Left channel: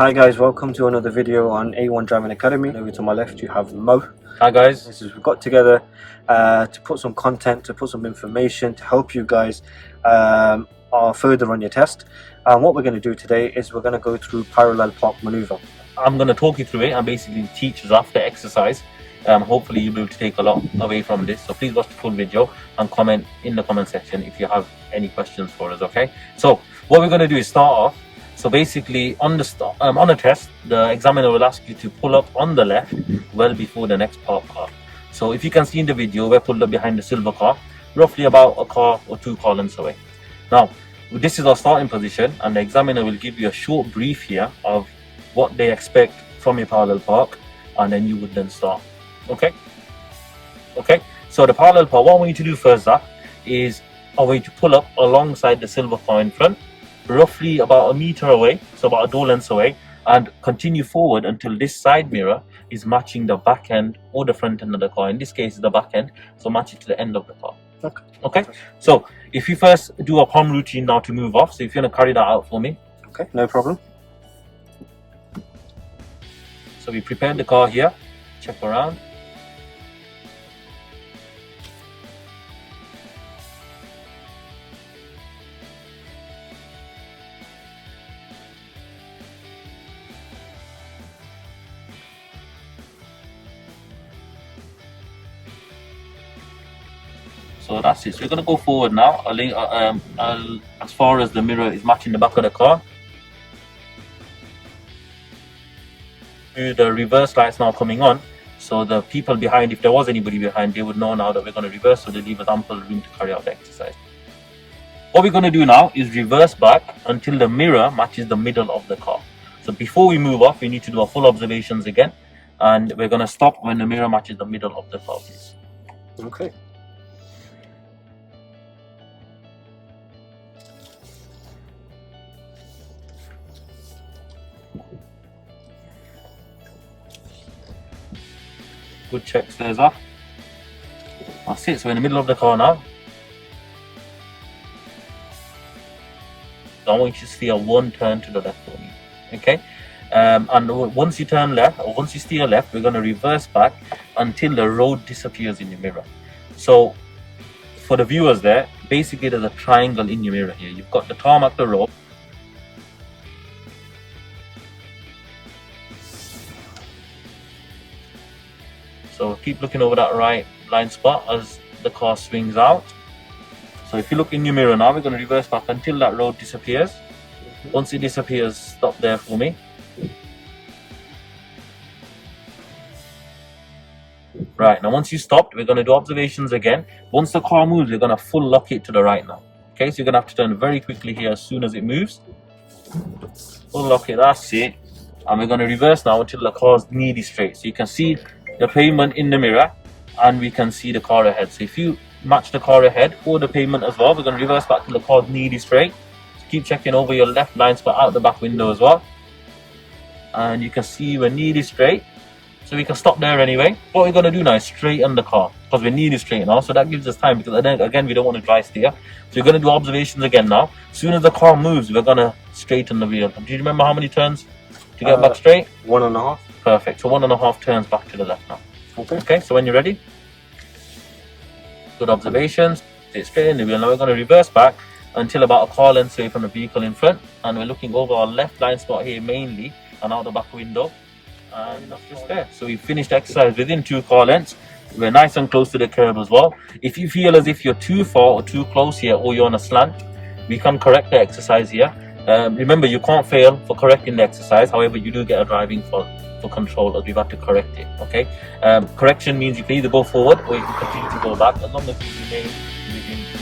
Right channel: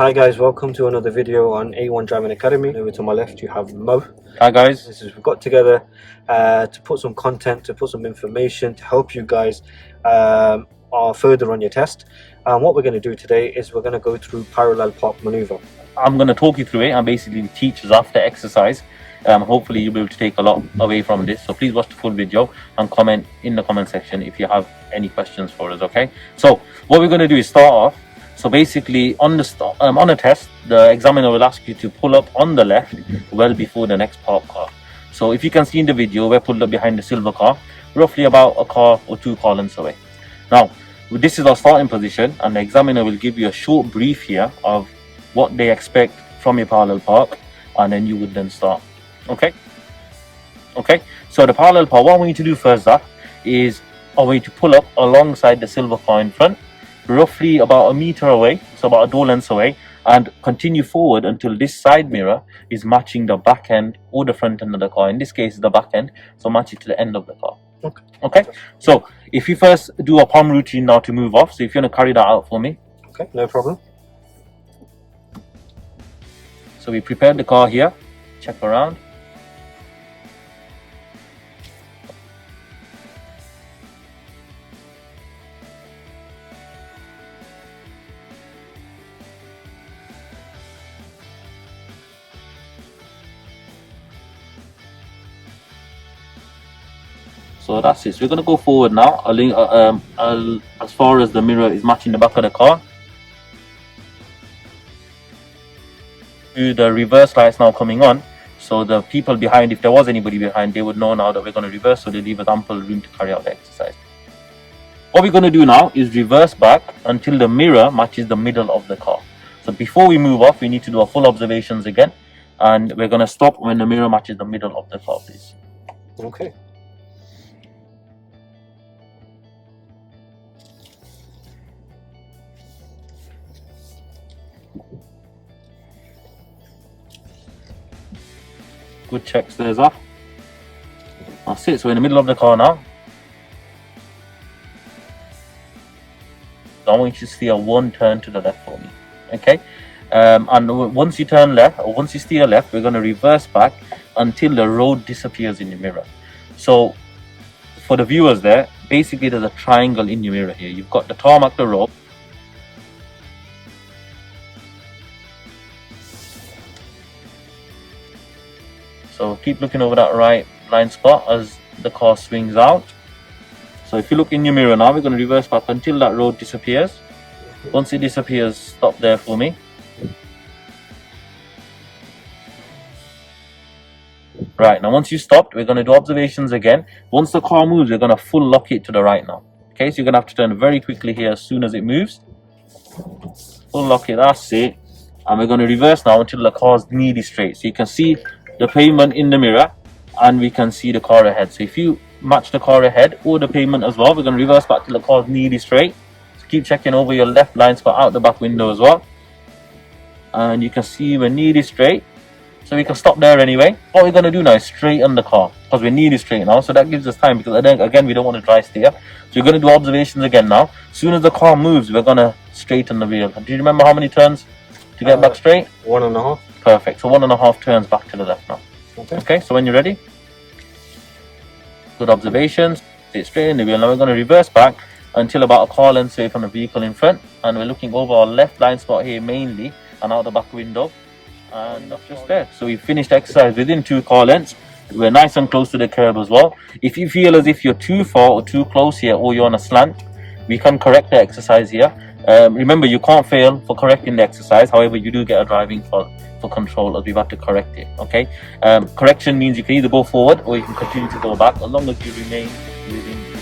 Hi guys, welcome to another video on A1 Driving Academy. Over to my left you have Mo. Hi guys. We've got together to put some content, to put some information to help you guys further on your test. And what we're going to do today is we're going to go through parallel park maneuver. I'm going to talk you through it and basically teach us after exercise. Hopefully you'll be able to take a lot away from this. So please watch the full video and comment in the comment section if you have any questions for us, okay? So what we're going to do is start off. So basically on a test, the examiner will ask you to pull up on the left well before the next parked car. So if you can see in the video, we're pulled up behind the silver car, roughly about a car or two car lengths away. Now, this is our starting position, and the examiner will give you a short brief here of what they expect from your parallel park, and then you would then start. Okay? So the parallel park, what we need to do first up is a way to pull up alongside the silver car in front, roughly about a meter away, so about a door length away, and continue forward until this side mirror is matching the back end or the front end of the car. In this case, the back end, so match it to the end of the car. Okay. So if you first do a palm routine now to move off, so if you want to carry that out for me. Okay, no problem. So we prepared the car here, check around. So that's it. So we're going to go forward now, as far as the mirror is matching the back of the car. The reverse lights now coming on, so the people behind, if there was anybody behind, they would know now that we're going to reverse, so they leave us ample room to carry out the exercise. What we're going to do now is reverse back until the mirror matches the middle of the car. So before we move off, we need to do our full observations again, and we're going to stop when the mirror matches the middle of the car, please. Okay. Good check, stairs off. That's it. So we're in the middle of the car now. I want you to steer one turn to the left for me. Okay? And once you turn left, or once you steer left, we're going to reverse back until the road disappears in your mirror. So for the viewers there, basically there's a triangle in your mirror here. You've got the tarmac, the road. So keep looking over that right blind spot as the car swings out. So if you look in your mirror now, we're going to reverse back until that road disappears. Once it disappears, stop there for me. Right, now once you stopped, we're going to do observations again. Once the car moves, we're going to full lock it to the right now. Okay, so you're going to have to turn very quickly here as soon as it moves. Full lock it, that's it. And we're going to reverse now until the car's nearly straight. So you can see the pavement in the mirror, and we can see the car ahead. So if you match the car ahead or the pavement as well, we're going to reverse back till the car's nearly straight. So keep checking over your left blind spot out the back window as well, and you can see we're nearly straight, so we can stop there anyway. What we're going to do now is straighten the car, because we're nearly straight now, so that gives us time, because again we don't want to dry steer. So we're going to do observations again now. As soon as the car moves, we're going to straighten the wheel. Do you remember how many turns to get back straight? 1.5. Perfect. So 1.5 turns back to the left now. Okay, so when you're ready, good observations, stay straight in the wheel. Now we're going to reverse back until about a car length away from the vehicle in front, and we're looking over our left blind spot here mainly, and out the back window, and that's just there. So we finished exercise within 2 car lengths. We're nice and close to the curb as well. If you feel as if you're too far or too close here, or you're on a slant, we can correct the exercise here. Remember, you can't fail for correcting the exercise. However, you do get a driving for control, as we've had to correct it. Okay, correction means you can either go forward or you can continue to go back, as long as you remain within